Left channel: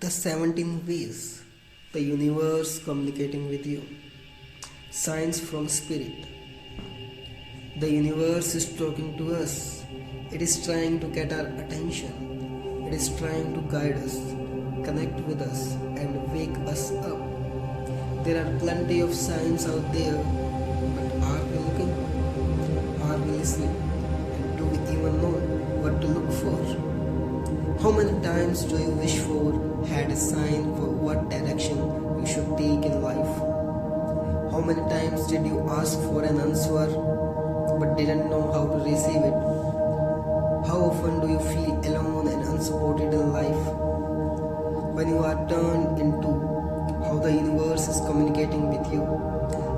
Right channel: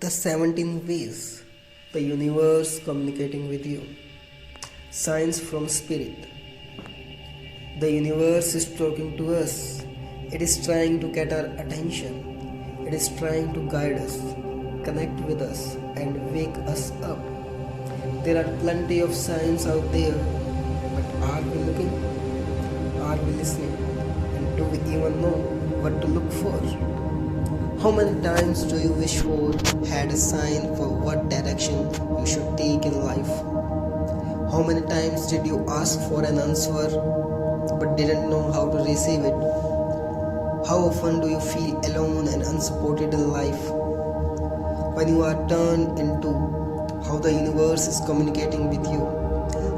The 17 ways the universe communicating with you. Signs from spirit. The universe is talking to us. It is trying to get our attention. It is trying to guide us, connect with us, and wake us up. There are plenty of signs out there, but are we looking? Are we listening? And do we even know what to look for? How many times do you wish for had a sign for what direction you should take in life? How many times did you ask for an answer but didn't know how to receive it? How often do you feel alone and unsupported in life? When you are turned into how the universe is communicating with you,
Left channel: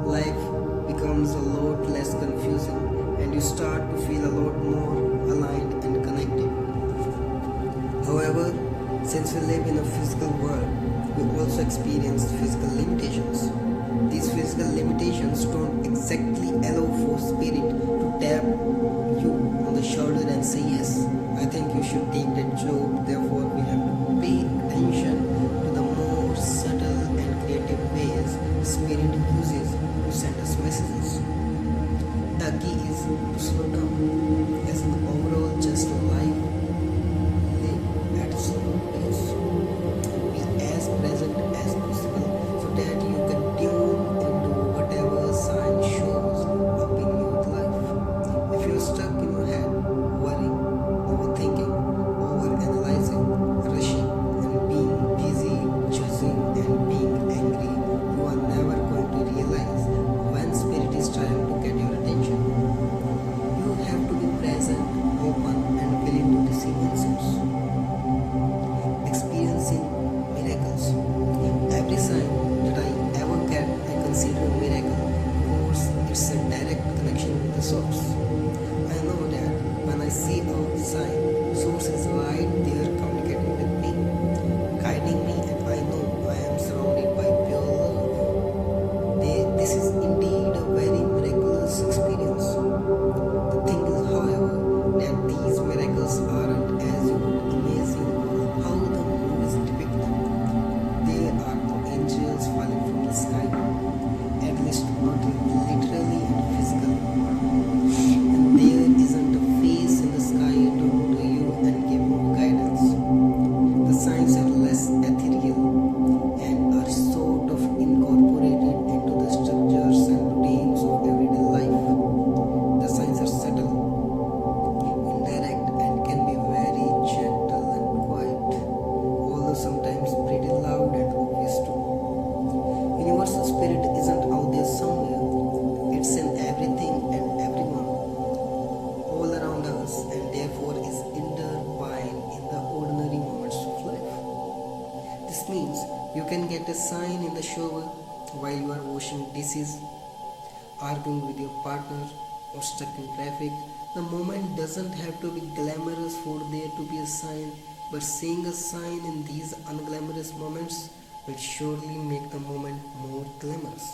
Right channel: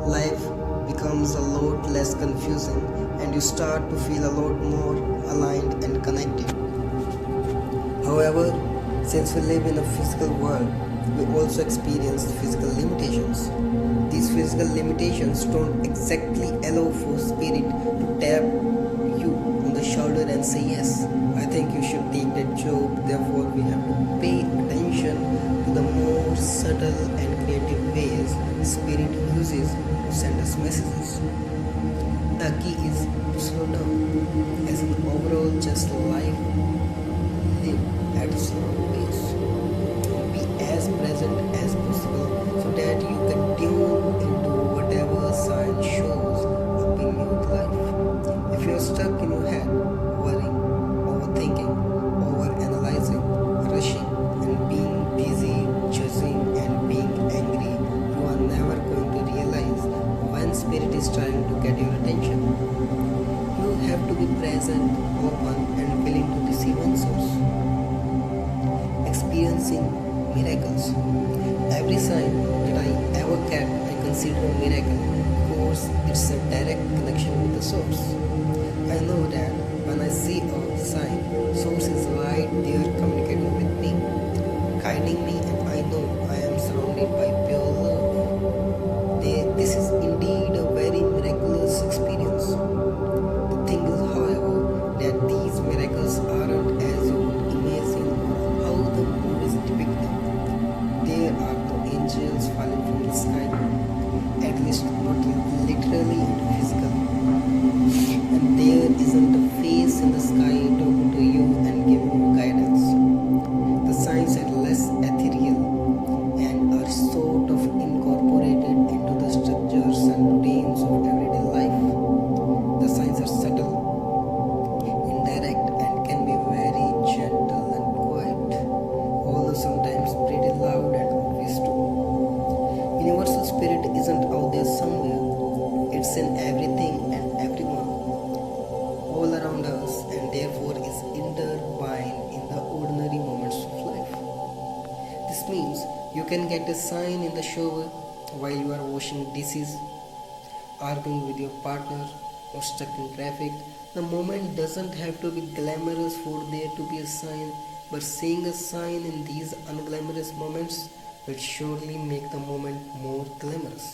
life becomes a lot less confusing and you start to feel a lot more aligned and connected. However, since we live in a physical world, we also experience physical limitations. These physical limitations don't exactly allow for spirit to tap you on the shoulder and say, yes, I think you should take that job. Therefore, we have to pay attention to the more subtle and creative ways spirit uses to send us messages. The key is to slow down. As an overall, just life, live at a slower pace. Be as present as possible so that you can tune into whatever sign shows up in your life. If you're stuck in your head, worrying, overthinking, overanalyzing, rushing, and being busy, judging, and being angry, you are never going to realize when spirit is trying to get your attention. You have to be present, open, and willing to receive answers. Experiencing miracles. Every sign that I ever get, I consider a miracle because it's a direct connection with the source. I know that when I see a sign, source is right there communicating with me, guiding me, and I know I am surrounded by pure love. This is indeed a very miraculous experience. The thing is, however, that these miracles aren't as you would imagine or how the movies depict them. There are no angels falling from the sky, at least not literally and physically. And there isn't a face in the sky talking to you and giving you guidance. The signs are less ethereal and are sort of incorporated into the structures and routines of everyday life. The signs are subtle, indirect, and can be very gentle and quiet, although sometimes pretty loud and obvious too. Universal spirit isn't out there somewhere, it's in everything and everyone, all around us, and therefore is intertwined in the ordinary moments of life. This means you can get a sign in the shower while you are washing dishes, arguing with your partner, or stuck in traffic. The moment doesn't have to be glamorous for there to be a sign, but seeing a sign in these unglamorous moments will surely make the moment more glamorous.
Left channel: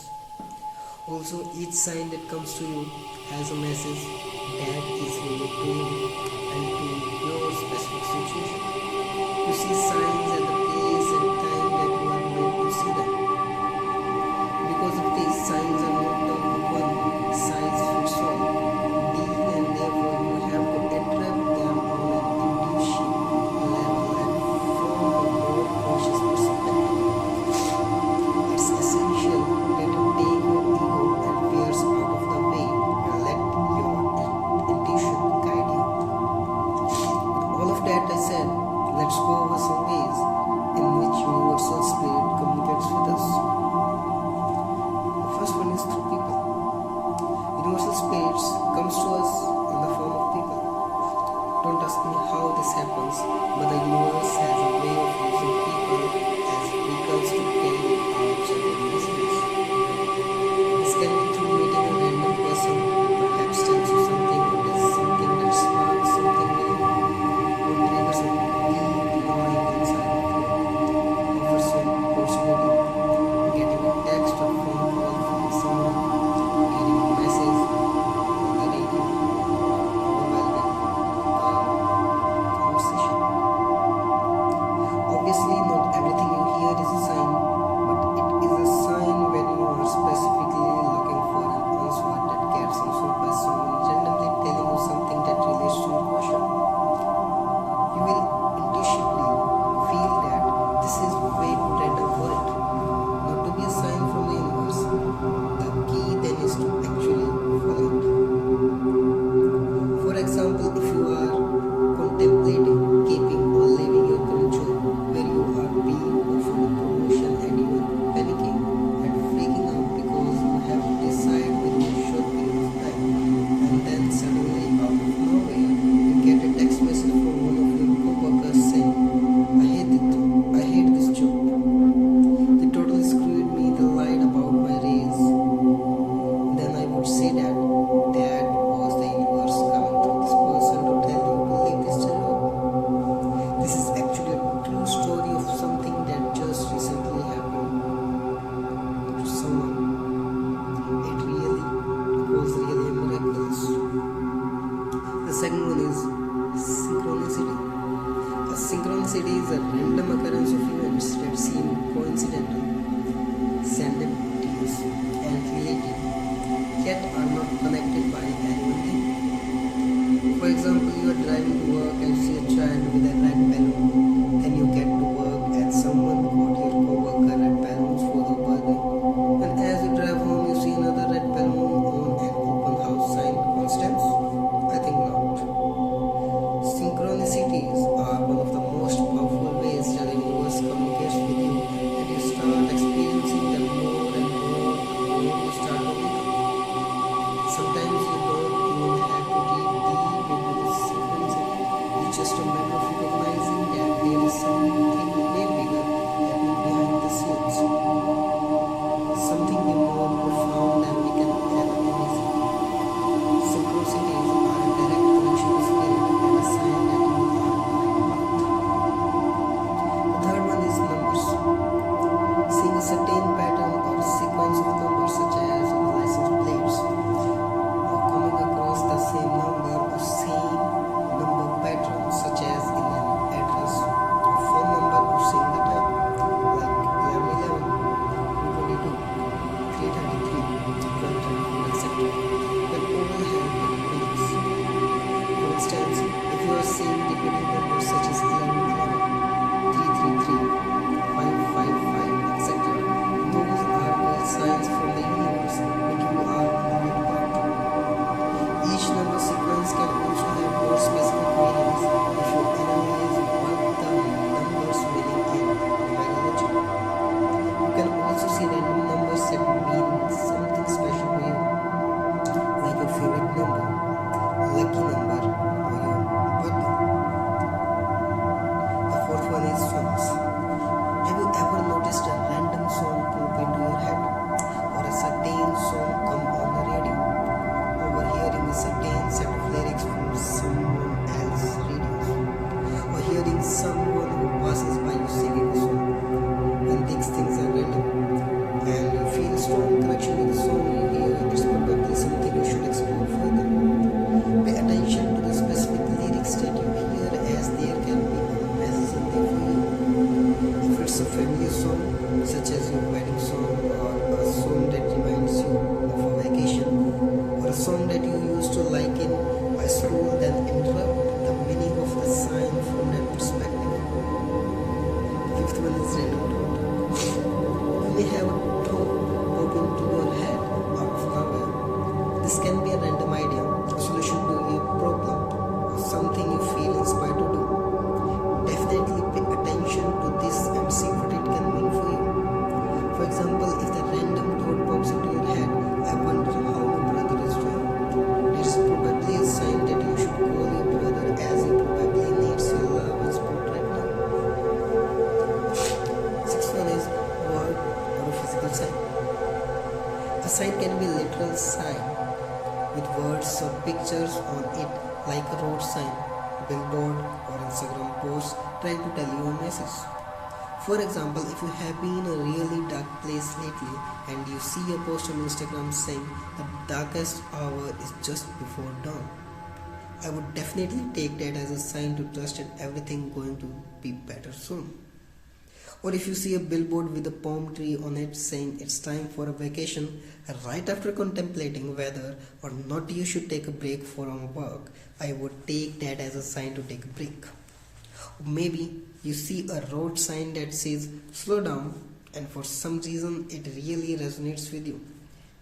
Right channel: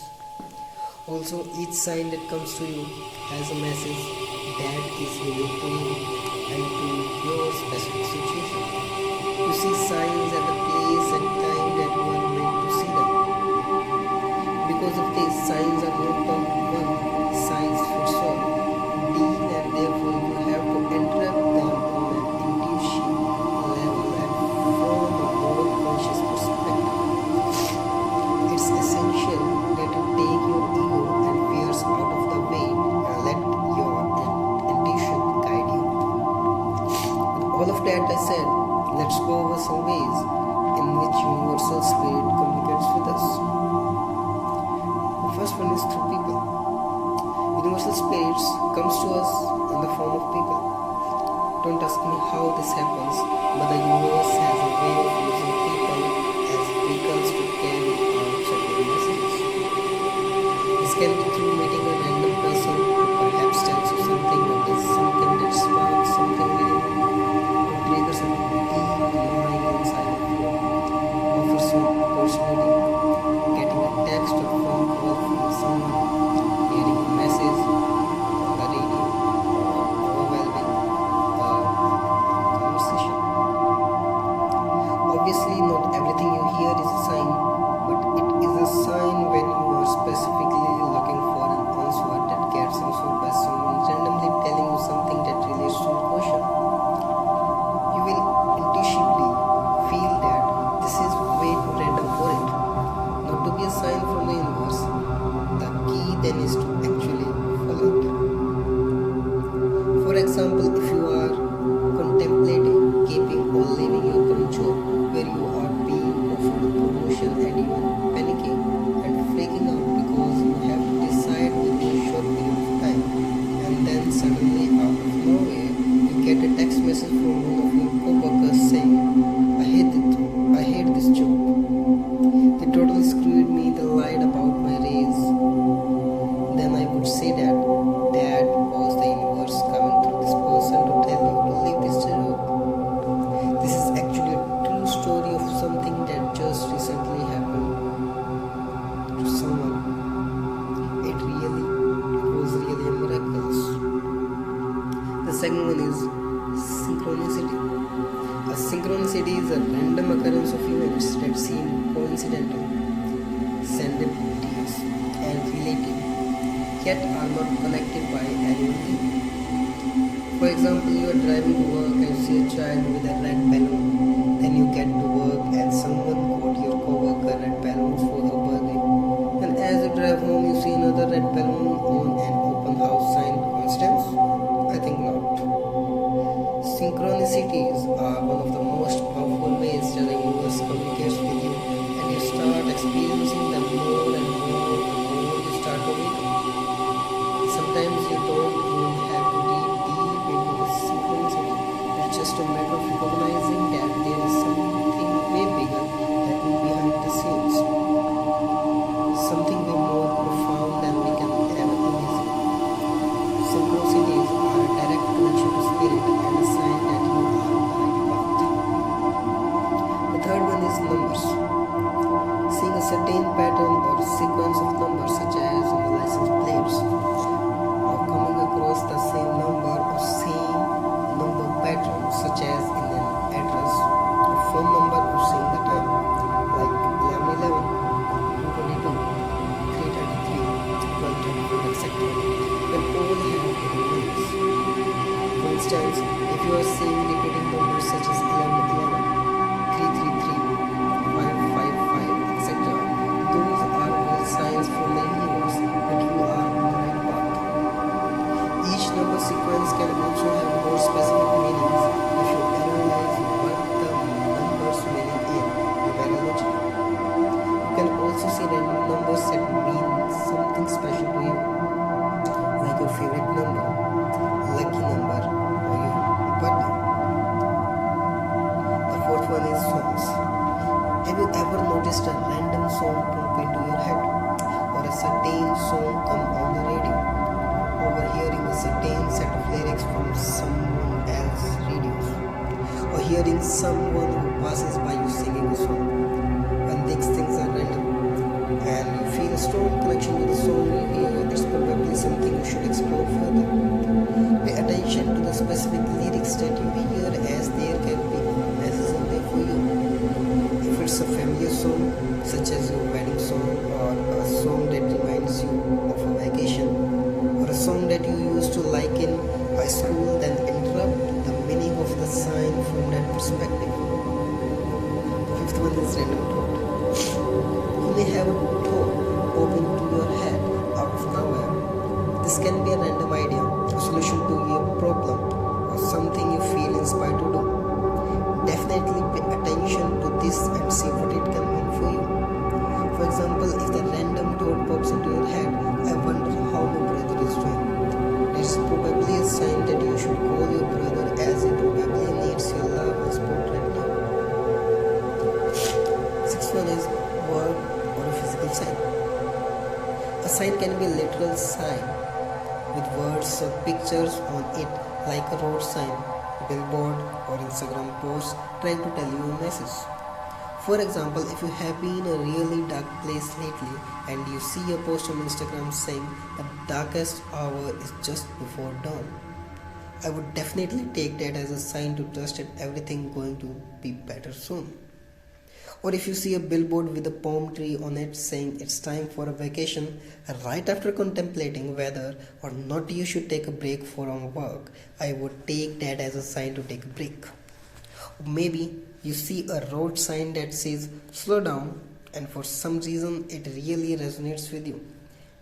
Also, each sign that comes to you has a message that is unique to you and to your specific situation. You see signs at the place and time that you are meant to see them. Because of this, signs are not a one size fits all deal, and therefore you have to interrupt them on an intuition level and from a more conscious perspective. It's essential that you take your ego and fears out of the way and let your intuition guide you. With all of that I said, let's go over some ways in which universal spirit communicates with us. The first one is through people. Universal spirits comes to us in the form of people. Don't ask me how this happens, but the universe has a way of using people as vehicles to carry out certain messages. This can be through meeting a random person who perhaps tells you something or does something that sparks something within you, or triggers a deep gnawing inside of you, offers you an opportunity, getting a text or phone call from someone, hearing a message on the radio, or overwhelming conversation. Obviously, not everything you hear is a sign, but it is a sign when you are specifically looking for an answer that gets answered by someone randomly telling you something that relates to your question. You will intuitively feel that this is way too random for it not to be a sign from the universe. The key then is to actually follow it. For example, if you are contemplating keeping or leaving your current job where you are being offered a promotion and you are panicking and freaking out because you have to decide within a short period of time, and then suddenly out of nowhere you get a text message from one of your co-workers saying, I hate this job. They totally screwed me, they lied about my raise. Then I would say that was the universe coming through this person to tell you to leave this job. This is actually a true story of something that just recently happened to someone. It was really a miracle. The second one is synchronicity. A synchronicity is a random occurrence of events that seem coincidental, serendipitous, and related, yet are not connected by any one thing. For example, you are driving to work and see a child with a red balloon. Then you get to work and someone got your co-worker red balloons for her birthday. And as you drive home, you see another red balloon on an open house sign. Coincidence? I think not. Synchronicities are one of the most powerful ways that the universe communicates with you, and you start experiencing them more and more the more you start communicating. Sometimes you don't even have to dig deep into this synchronicity. It's just a matter of recognizing that there is something way bigger happening behind the scenes. Something way more profound than we can ever imagine. Synchronicities are a direct connection to spirit and a sign that you are on the right path. The third one is numbers. Seeing a certain pattern or sequence of numbers such as on the license plates, coming across the same number or same number pattern such as in an address, a phone number, or seeing the time like 11:11, 2:22, 3:33, 12:34, etc. They all have hidden meanings. For instance, if you are seeing repeating numbers such as 11:11, 3:33, 5:55, etc., those are all signs from the universe that you are on the right path. Each number sequence can also have more specific meanings if you analyze what the numbers meaning in numerology. You can also see random numbers that mean something special to you, like your favorite number, lucky number, or your birthday. The fourth one is songs. Have you ever noticed a random song pop into your head, or a certain song come on the radio? Overhearing a certain set of lyrics from someone else's radios, or hearing someone who passes by you singing a song. When these things are random and you feel a strong connection with the song you hear, it's probably something you should explore further. Pay attention to the specific lyrics that you hear, as there can be a message in there for you. If it's a familiar song, such as your wedding song, or a song that reminds you of a vacation, or a song that you used to like in high school, then interrupt the meaning of the sign from that perspective. The fifth one is random thought. You may have a thought pop into your head out of nowhere. This can be a random idea, a solution to your problem, or something you feel inspired to do. Definitely pay attention to this and see what it can mean for you. For example, if the random thought pops into your head, I wonder how my brother is doing. There is probably a sign that you should call your brother, as he probably needs your love and support right now. Sixth one is word or a physical sign. A sign can be a literal sign with words or pictures on it, like a road sign, billboard, or Instagram post trying to tell you a message. For example, if you have been in a really dark place lately and you see a post on Instagram saying the darkest hour is just before dawn, I would definitely take that as a sign to trust that everything going to be better soon. Or if you see a billboard with a palm tree on it saying it's time for a vacation, right after contemplating whether or not you should take a break from work, I would take that as a sign to take a break. Maybe you see a road sign that says slow down, and for some reason it really resonates with you.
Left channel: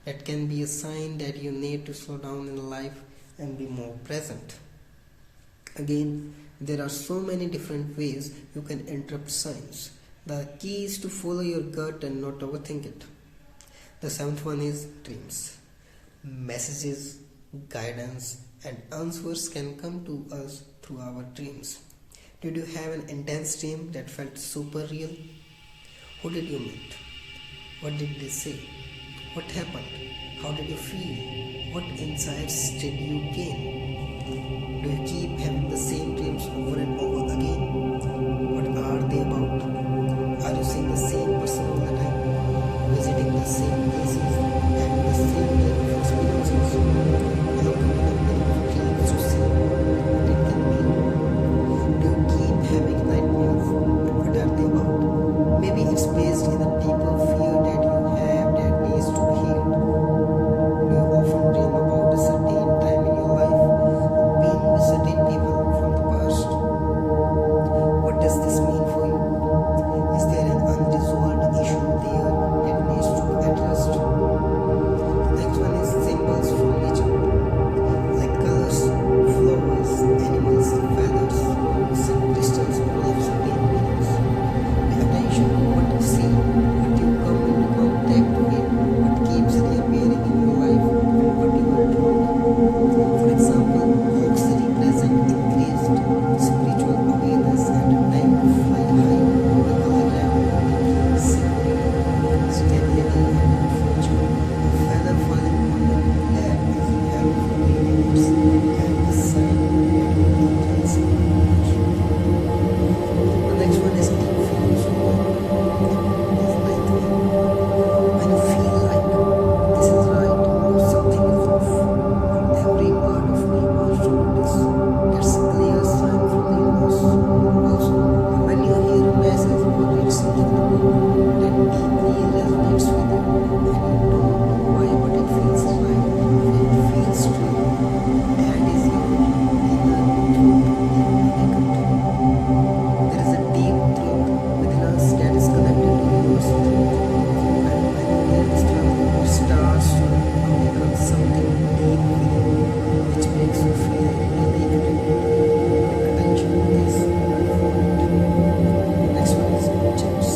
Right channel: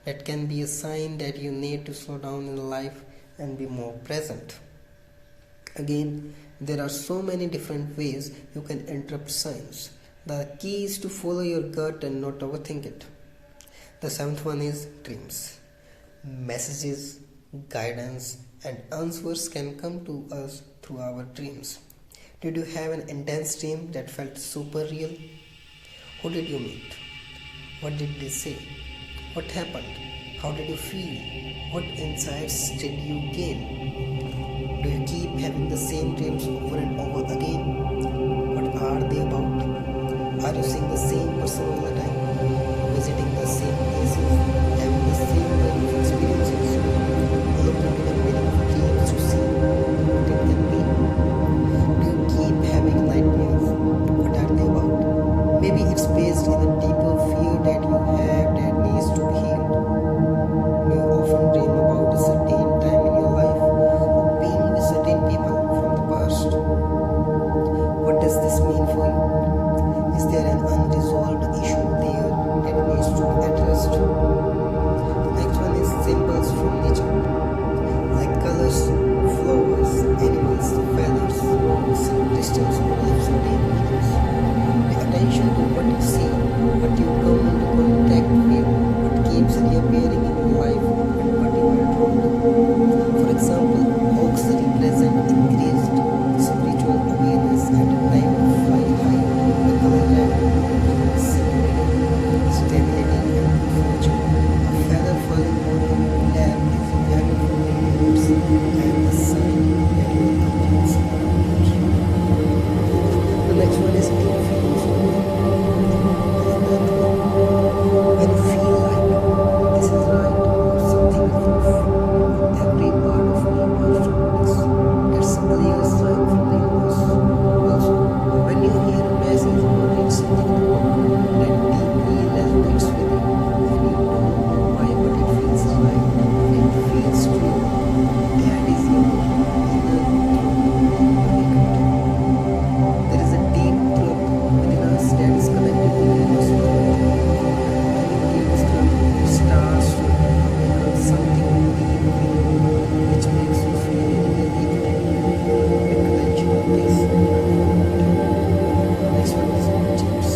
That can be a sign that you need to slow down in life and be more present. Again, there are so many different ways you can interpret signs. The key is to follow your gut and not overthink it. The seventh one is dreams. Messages, guidance, and answers can come to us through our dreams. Did you have an intense dream that felt super real? Who did you meet? What did they say? What happened? How did you feel? What insights did you gain? Do you keep having the same dreams over and over again? What are they about? Are you seeing the same person all the time? Visiting the same places? Having the same kind of experiences? Look into the meaning of dreams to see what it can be. Do you keep having nightmares? What are they about? Maybe it's based in a deeper fear that you have that needs to be healed. Do you often dream about a certain time in your life or being with certain people from the past? What does this mean for you? Is there an unresolved issue there that needs to be addressed? The next one is symbols from nature, like colors, flowers, animals, feathers, rocks, and crystals all have certain meanings. Pay attention to what you see, what you come into contact with, what keeps reappearing in your life, and what you are drawn to. For example, hawks represent increased spiritual awareness and a time to fly high. The color red represents security, stability, and good fortune. A feather falling on your lap is having for the universe and a sign that your angels are with you. The next one is deep feelings of ninth one. When you feel like this is right or something is off, every part of me wants to do this. That's a clear sign from the universe. Also, when you hear a message or read something that deeply resonates with you, and you don't know why, but it feels right and it feels true, that is your inner truth awakened. There is a deep truth within us that is connected to universal truth. And when you hear this truth, it starts to awaken something deep within you, which makes you feel really connected. Pay attention to this and unfold it. The next one is objects.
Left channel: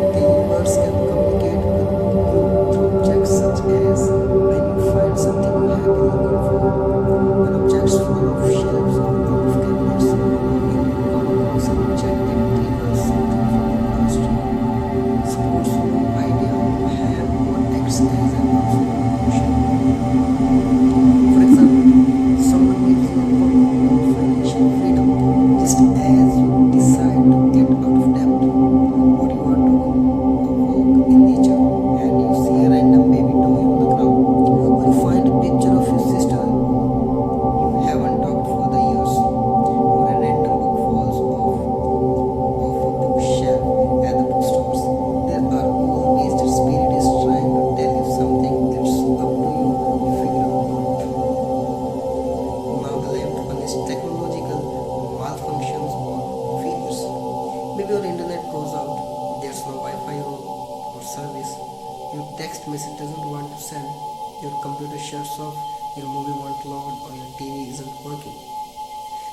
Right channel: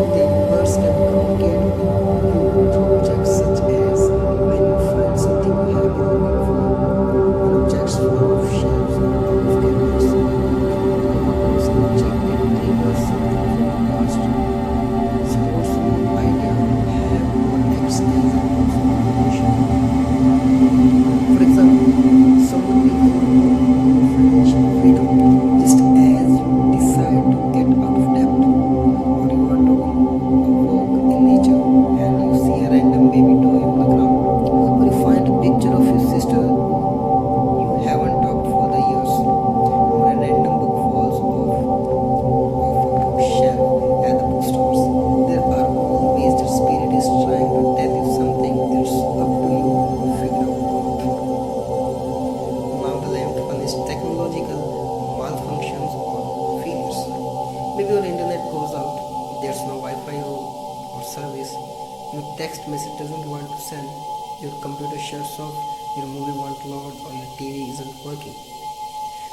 The universe can communicate with you through objects such as when you find something you have been looking for, when objects fall off shelves or out of cabinets, you come across an object that triggers something from the past, supports a new idea you have, or acts as a confirmation. For example, someone gives you a book on financial freedom just as you decide to get out of debt, or you are taking a walk in nature and you see a random baby toy on the ground, or you find a picture of your sister who you haven't talked for the years, or a random book falls off a bookshelf at the bookstores. There are all ways that spirit is trying to tell you something. It's up to you to figure out what. Now the 11th one is technological malfunctions or failures. Maybe your internet goes out, there's no Wi-Fi or service, your text message doesn't want to send, your computer shuts off, your movie won't load, or your TV isn't working.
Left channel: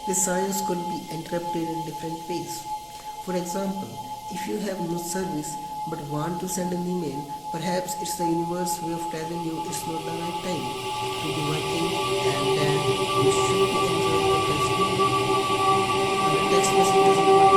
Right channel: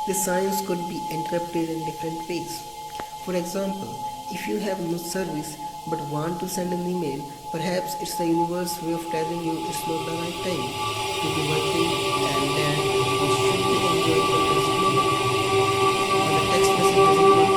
The signs could be interpreted in different ways. For example, if you have no service but want to send an email, perhaps it's the universe way of telling you it's not the right time to be working and that you should be enjoying the present moment. When a text message doesn't work